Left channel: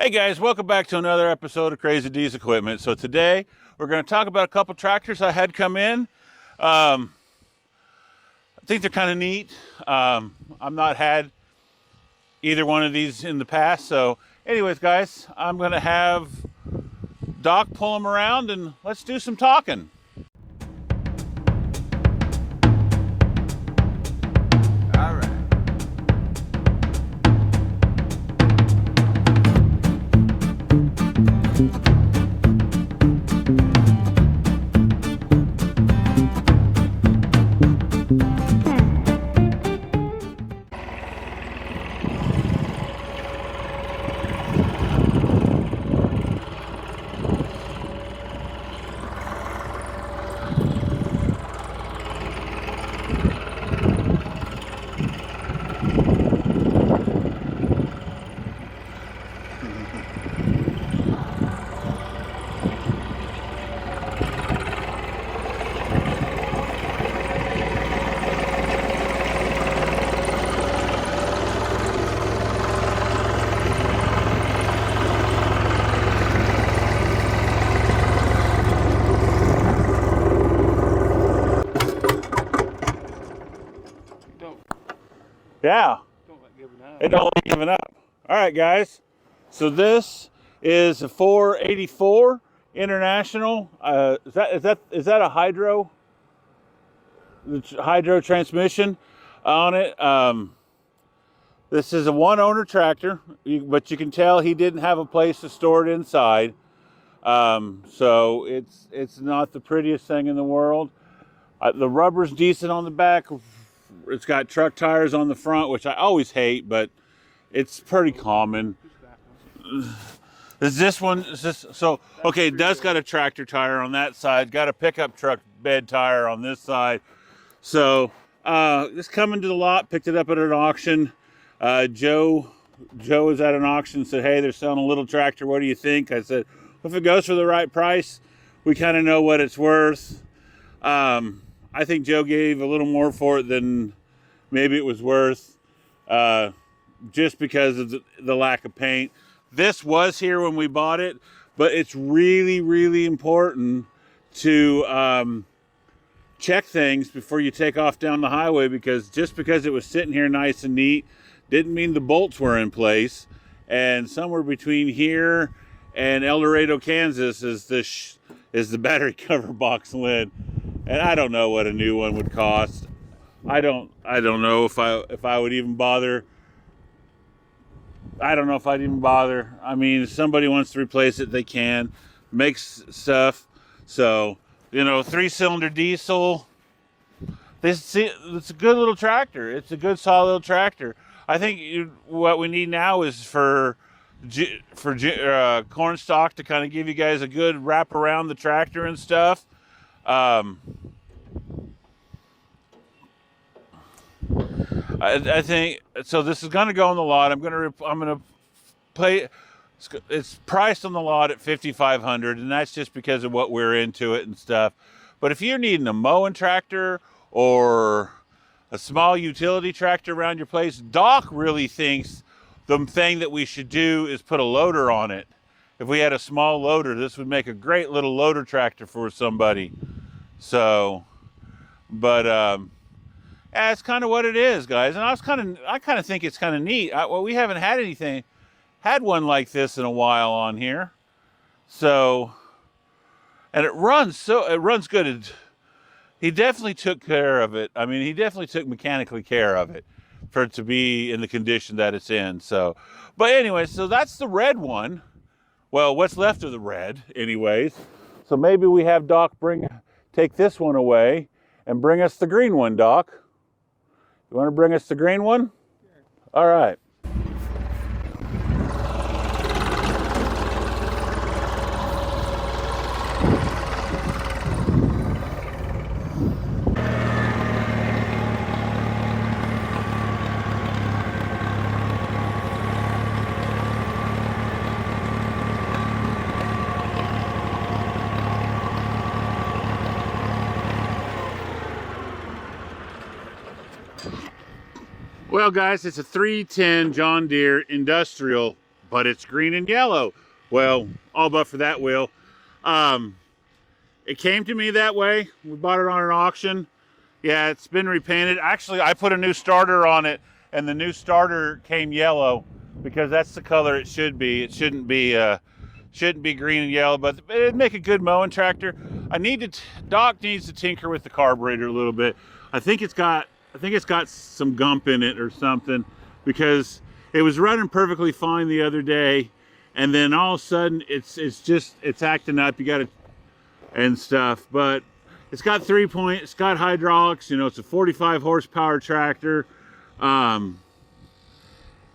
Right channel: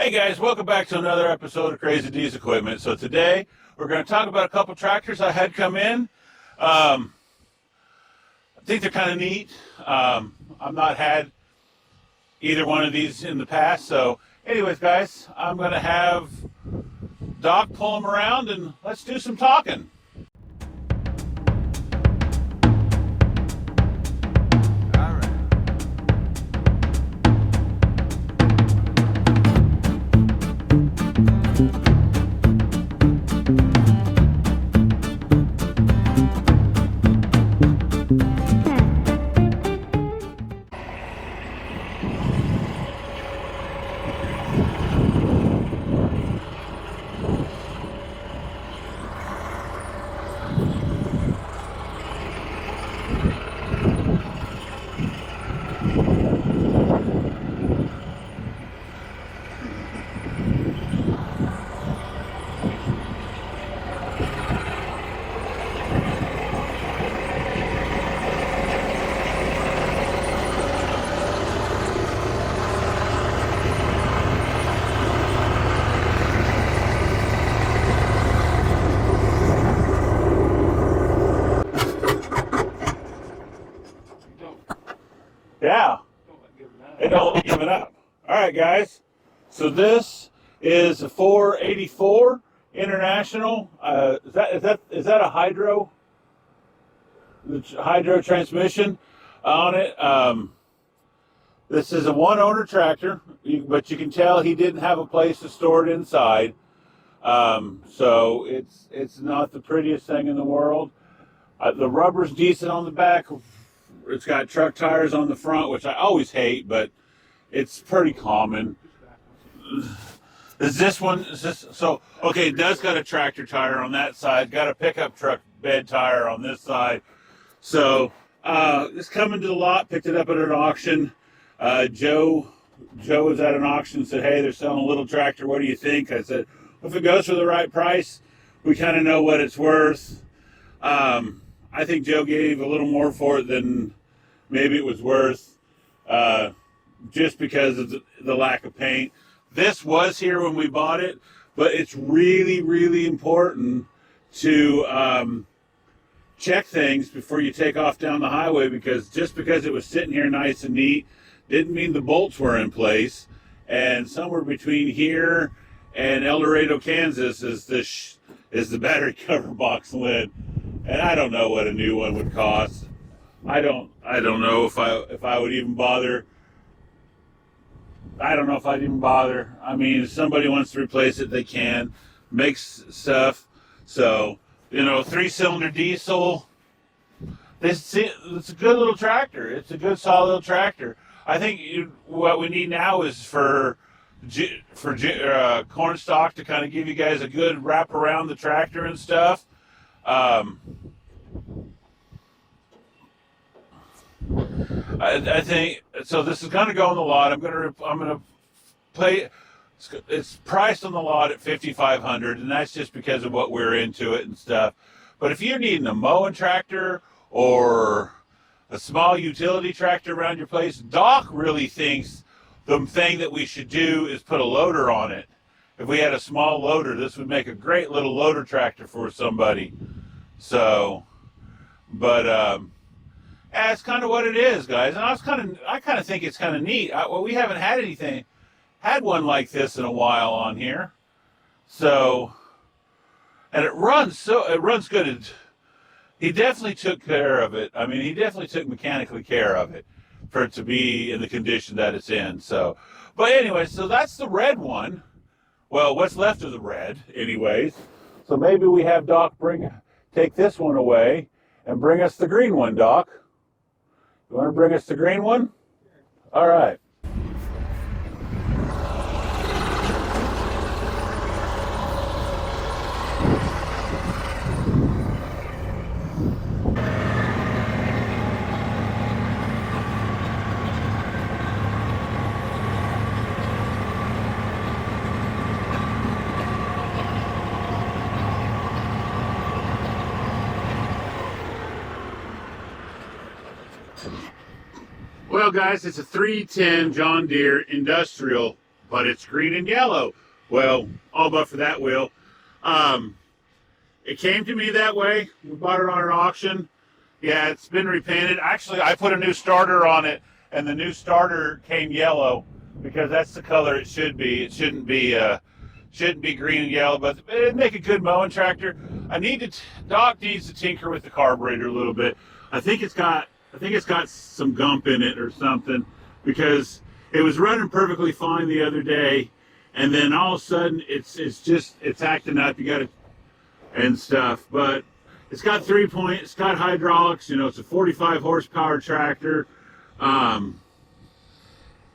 Hey guys, welcome back to another episode of Crazy D's Equipment. So today we're going to talk about a couple tractors I had come in. I think they're kind of neat. I've not had either one of these in the past. So anyways guys, I'm going to have Doc pull them around and let's do some talking. All right. Yeah, it don't like giving up. All right, guys. So this is a 484 International. Is that a hydro transmission on it? This is a one-owner tractor, but you can tell he didn't have a place to store it inside. So it's not the prettiest thing in the world. The rubber's decent on the back. It's got truck tires on the front, which I always hate, but it's pretty common. Is this so? Okay, it does got a tractor tire on that side. Got a pickup truck bed tire on this side. So this coming to the lot. Picked it up at an auction. Joe was at an auction. Said, "Hey, they're selling a little tractor. What do you think?" I said, "If it goes for the right price, we kind of know what it's worth." I think Joe gave a little more for it than maybe it was worth, just because of the lack of paint. This was here when we bought it, but it's really, really important to check things before you take off down the highway, because just because it was sitting here nice and neat didn't mean the bolts were in place. And somewhere between here and El Dorado, Kansas is the battery cover box lid. And I don't know what a new one would cost. I don't know if I would even bother. I don't know if I'd even bother. I mean, if somebody wants to replace it, they can. Makes stuff. So, 3-cylinder diesel. It's a good little tractor. It's a good, solid little tractor. I think what we need now is for corn stock to kind of give you guys a good wrap around the tractor and stuff. I think so. This is going to go on the lot. I'm going to pay. It's priced on the lot at $5,500, and that's just because of what we're into it and stuff. But if you're needing a mowing tractor or a small utility tractor around your place, Doc really thinks the thing that we should do is put a loader on it. If we had a small loader, this would make a great little loader tractor for somebody. So, but yeah, it's kind of what it is, guys. And I kind of think it's kind of neat. We haven't had one like this in a while on here. So, and it runs good. He definitely took care of it. I mean, he definitely took mechanically care of it for it to be in the condition that it's in. So, but anyway, so that's the red one. Well, what's left of the red, anyways. So maybe we have Doc take this one away and bring us the green one, Doc. You want to bring us the green one? All right. Well, guys, it's a 310 John Deere industrial but it's green and yellow. Well, all but for that wheel. It came to me that way. We bought it on an auction. Yeah, it's been repainted. Actually, I put a new starter on it, and the new starter came yellow because that's the color it should be. It shouldn't be green and yellow, but it'd make a good mowing tractor. Doc needs to tinker with the carburetor a little bit. I think it's got some gump in it or something, because it was running perfectly fine the other day, and then all of a sudden it's acting up. You got to and stuff, but it's got 3-point. It's got hydraulics. You know, it's a 45 horsepower tractor.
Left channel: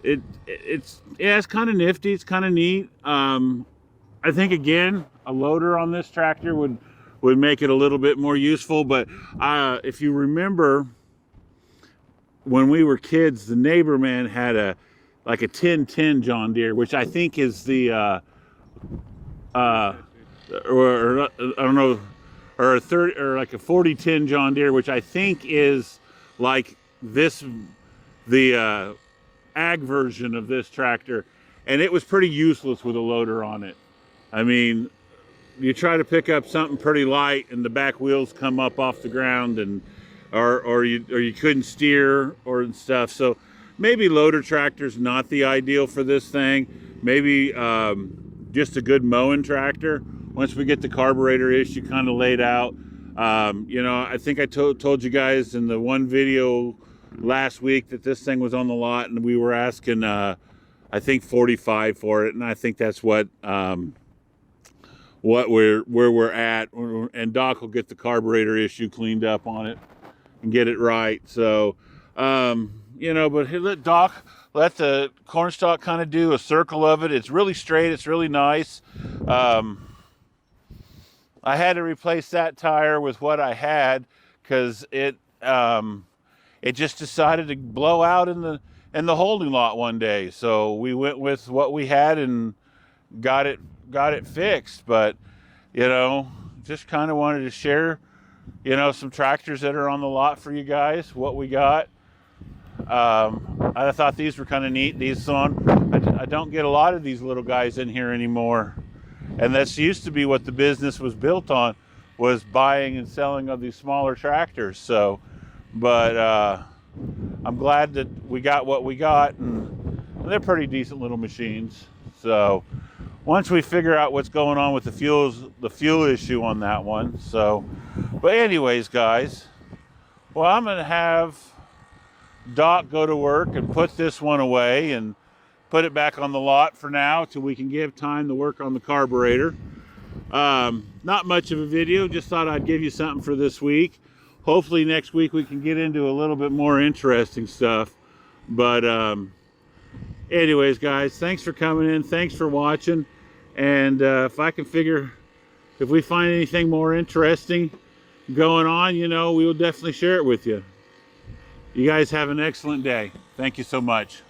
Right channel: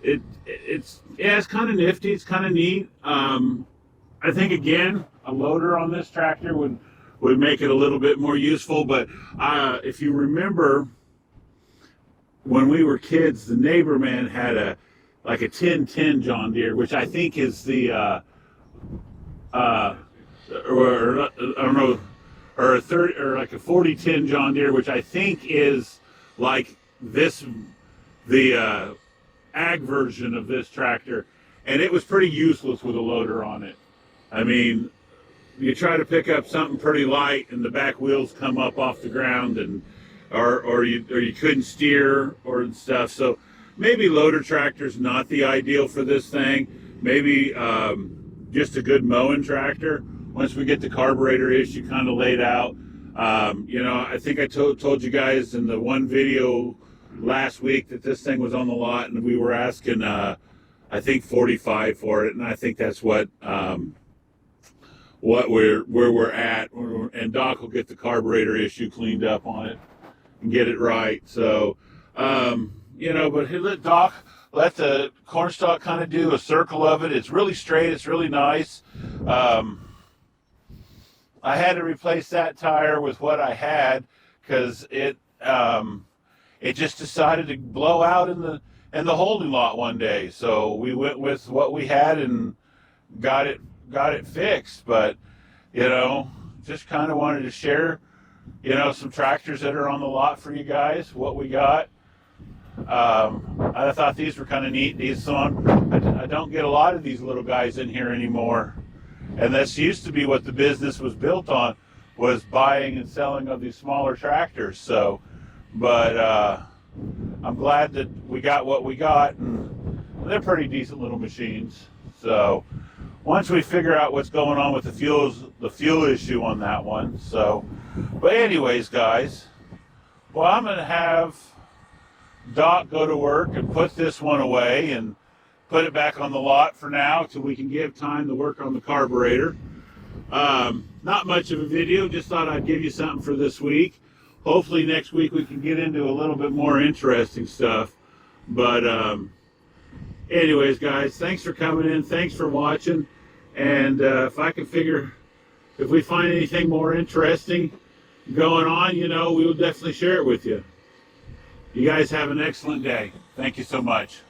It's kind of nifty. It's kind of neat. I think again, a loader on this tractor would make it a little bit more useful. But if you remember, when we were kids, the neighbor man had a 1010 John Deere, which I think is the or I don't know, or a 4010 John Deere, which I think is like the ag version of this tractor, and it was pretty useless with a loader on it. I mean, you try to pick up something pretty light, and the back wheels come up off the ground, and or you couldn't steer or stuff. So maybe loader tractor's not the ideal for this thing. Maybe just a good mowing tractor. Once we get the carburetor issue kind of laid out, you know, I think I told you guys in the one video last week that this thing was on the lot, and we were asking, I think 45 for it, and I think that's where we're at. And Doc will get the carburetor issue cleaned up on it and get it right. So, you know, but let the cornstalk kind of do a circle of it. It's really straight. It's really nice. I had to replace that tire with what I had because it just decided to blow out in the holding lot one day. So we went with what we had and got it fixed. But you know, just kind of wanted to share, you know, some tractors that are on the lot for you guys, what we got. I thought these were kind of neat. I don't get a lot of these little guys in here anymore. And this used to be what the business was built on, was buying and selling of these smaller tractors. So, but I'm glad that we got what we got, and they're pretty decent little machines. So once we figure out what's going on with the fuel issue on that one. So, but anyways, guys, well, I'm going to have Doc go to work and put this one away and put it back on the lot for now till we can give time to work on the carburetor. Not much of a video, just thought I'd give you something for this week. Hopefully next week we can get into a little bit more interesting stuff. But anyways, guys, thanks for coming in. Thanks for watching. And if we find anything more interesting going on, you know, we will definitely share it with you. You guys have an excellent day. Thank you so much.